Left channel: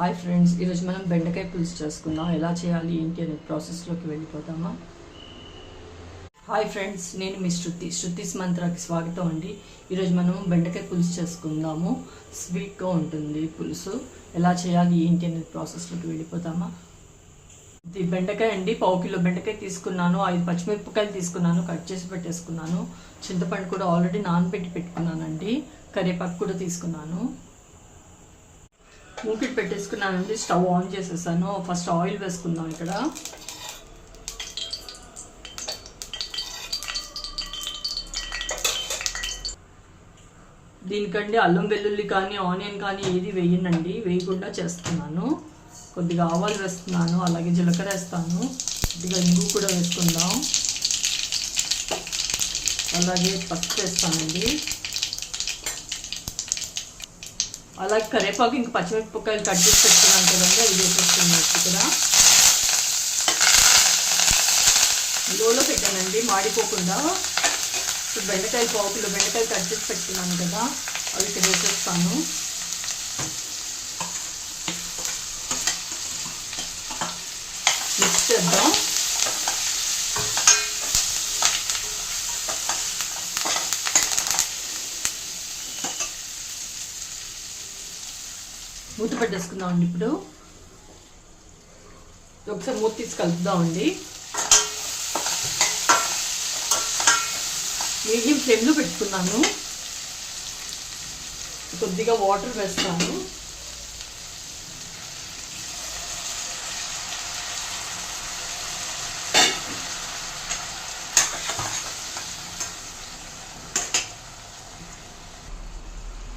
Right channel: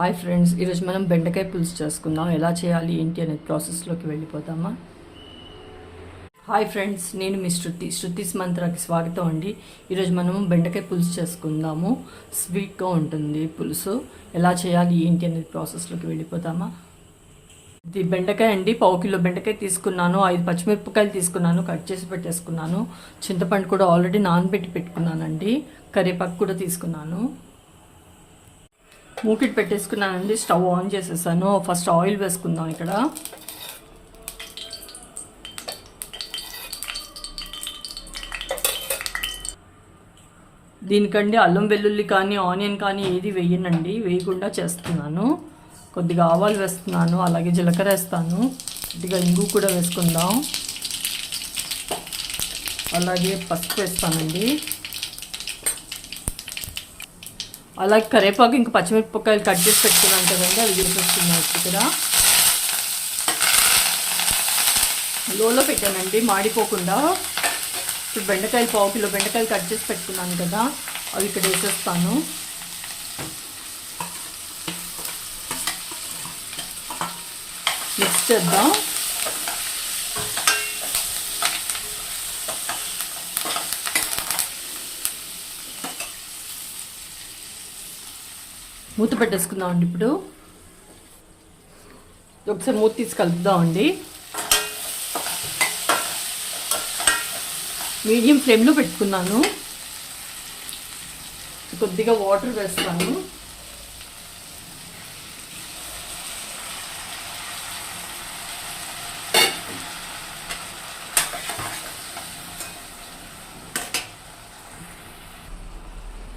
Hi friends, ఈరోజు మనం బెండకాయ పులుసు చేసుకుందాం. ఎలా చేయాలి ఏంటి అనేది ప్రాసెస్లోకి వెళ్ళిపోతామా? హాయ్ ఫ్రెండ్స్, నేను మీ శృతిస్ మంత్రాకి స్వాగతం అండి. ఈరోజు మనం బెండకాయ పులుసు చేసుకుందాము. స్వీట్గా ఉంటుంది పులుసు. ఎలా చేయాలి ఏంటి అనేది ప్రాసెస్లోకి వెళ్ళిపోతామా? ఇది బెండకాయ అండి. 1/2 కిలో బెండకాయ తీసుకున్నాను. 5 పచ్చిమిరపకాయలు తీసుకున్నాను, కట్ చేసి పెట్టేసుకున్నాను. చింతపండు కూడా ఆల్రెడీ నానబెట్టి పెట్టుకున్నానండి. కరివేపాకు కూడా తీసుకున్నాను. మూకిట్ పెట్టేసుకున్నానండి. స్టవ్ ఆన్ చేసేసాను. ఫస్ట్ ఆయిల్ వేసుకుందాం. ఇక్కడ దీనికండి అల్లం వెల్లుల్లి కానీ ఆనియన్ కానీ ఏది వేయనండి, వేయకుండా చేస్తున్నాను. కొద్దిగా ఆవాలు వేస్తున్నాను, అలాగే జీలకర్ర వేస్తాను, కొద్దిగా ఇంగు కూడా వేసుకుందాం, అలాగే పసుపు వేస్తానండి, అలాగే కరివేపాకు ఇంకా పచ్చిమిరపకాయలు కట్ చేసి పెట్టుకున్నాను కదండి, అవి వేసేస్తున్నాను. ఇక్కడ లోలో పెట్టానండి మాడిపోకుండా. ఇప్పుడు బెండకాయలు 1/2 కిలో బెండకాయలు కట్ చేసి పెట్టుకున్నాను కదా, అవి ఇక్కడ వేసేస్తాను. మిక్స్ చేద్దాం. మూత పెట్టేసుకుందామండి. ఇప్పుడు ఒకసారి మూత తీసి కలుపుదామండి. మీడియం ఫ్లేమ్లో పెట్టుకున్నాను. కొద్దిగా వాటర్ వేస్తాను.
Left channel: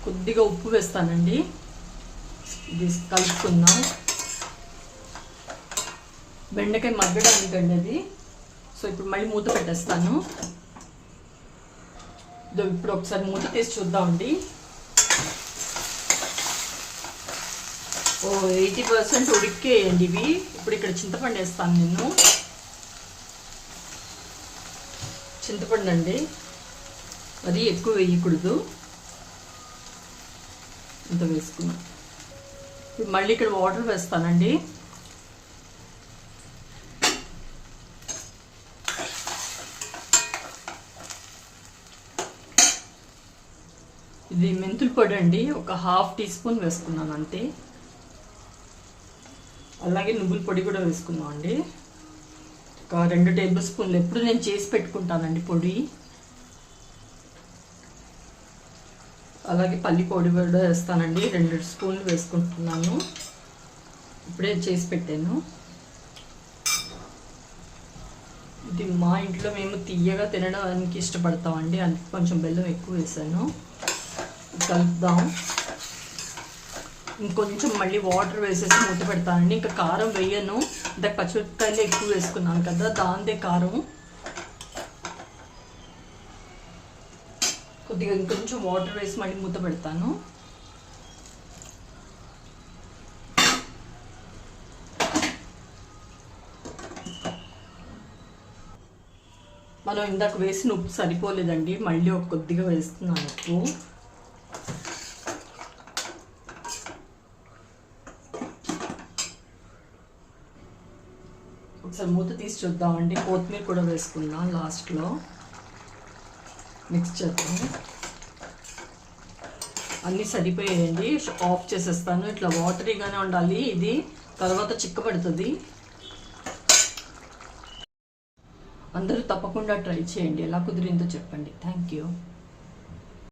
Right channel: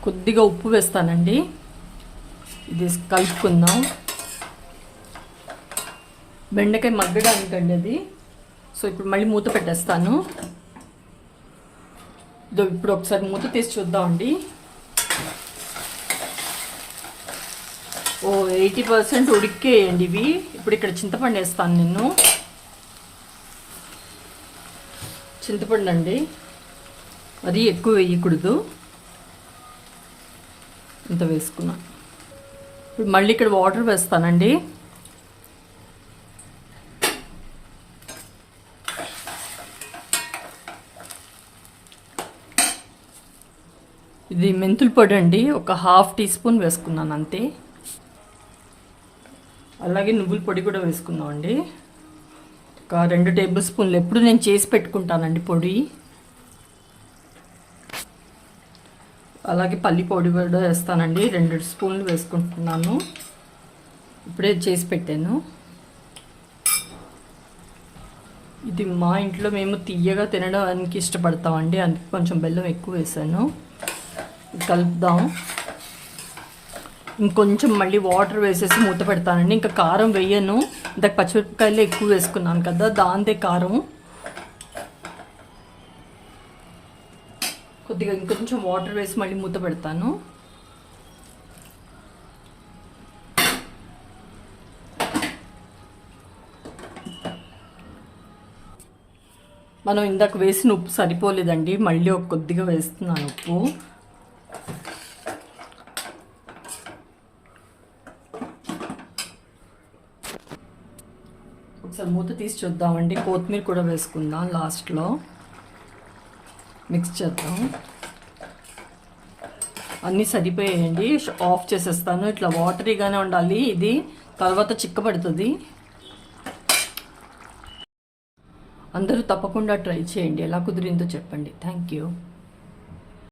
కొద్దిగా ఉప్పు వేస్తానండి. ఇది కలుపుకుందాం. బెండకాయ మగ్గడానికండి అది. సో ఇప్పుడు మళ్ళీ మూత పెట్టేస్తాను. ఇప్పుడు ఒకసారి మూత తీసి చూద్దామండి. 80% ఉడికేయండి ఇవి. ఇప్పుడు ఇక్కడ చింతపండు వేస్తాను. నేను చింతపండు అండి, అది ఎక్కువ వేయకూడదు, ఇంత వేసుకున్నాం. ఇప్పుడు మళ్ళీ ఇక్కడ వాటర్ వేస్తానండి. ఇది మెంతుల పొడి అండి, ఒక 1/2 టీ స్పూన్ వేసుకున్నాను అంతే. అలాగే నువ్వుల పొడి కూడా వేసుకున్నామండి, ఒక 2 టేబుల్ స్పూన్లు. ఎప్పుడు నేను చేసి పెట్టుకుంటానండి పొడి. అలాగే పల్లి పొడి కూడా వేస్తానండి, 2 స్పూన్లు వేసుకుంటున్నాను. ఇప్పుడే చేసి పెట్టాను. ఇది మా ఇంట్లో మేము తీయగా తినడానికి ఇష్టపడతామండి, అందుకే కొంచెం బెల్లం ఎక్కువ వేసాను. కలుపుదాం. ఇంకొంచెం మళ్ళీ వాటర్ వేసేసి మూత పెడతానండి. ఇంకా కారం వేయను, ఇంతకు పచ్చిమిరపకాయలు ఎక్కువ వేసుకున్నాను కదా, దాంతే కారం. కొద్దిగా ఇంకొంచెం వాటర్ వేసి మళ్ళీ మూత పెడతాను. మనం ఇందాక వేసిన ఉప్పు సరిపోలేదండి, మళ్ళీ ఒక కొద్దిగా వేస్తున్నాను ఉప్పు. ఒకసారి మూత తీసి చూద్దామండి. కొత్తిమీర కూడా వేసుకుందాం లాస్ట్లో. మిక్స్ చేద్దాం. అన్నీ సరిపోయాయండి. ఆఫ్ చేసేస్తాను. ఇట్లా వాటరీగానే ఉండాలి ఇది, తర్వాత చిక్కబడుతుంది. అందరూ తప్పకుండా ట్రై చేయండి. ఎలా కుదిరిందో చెప్పండి. Thank you.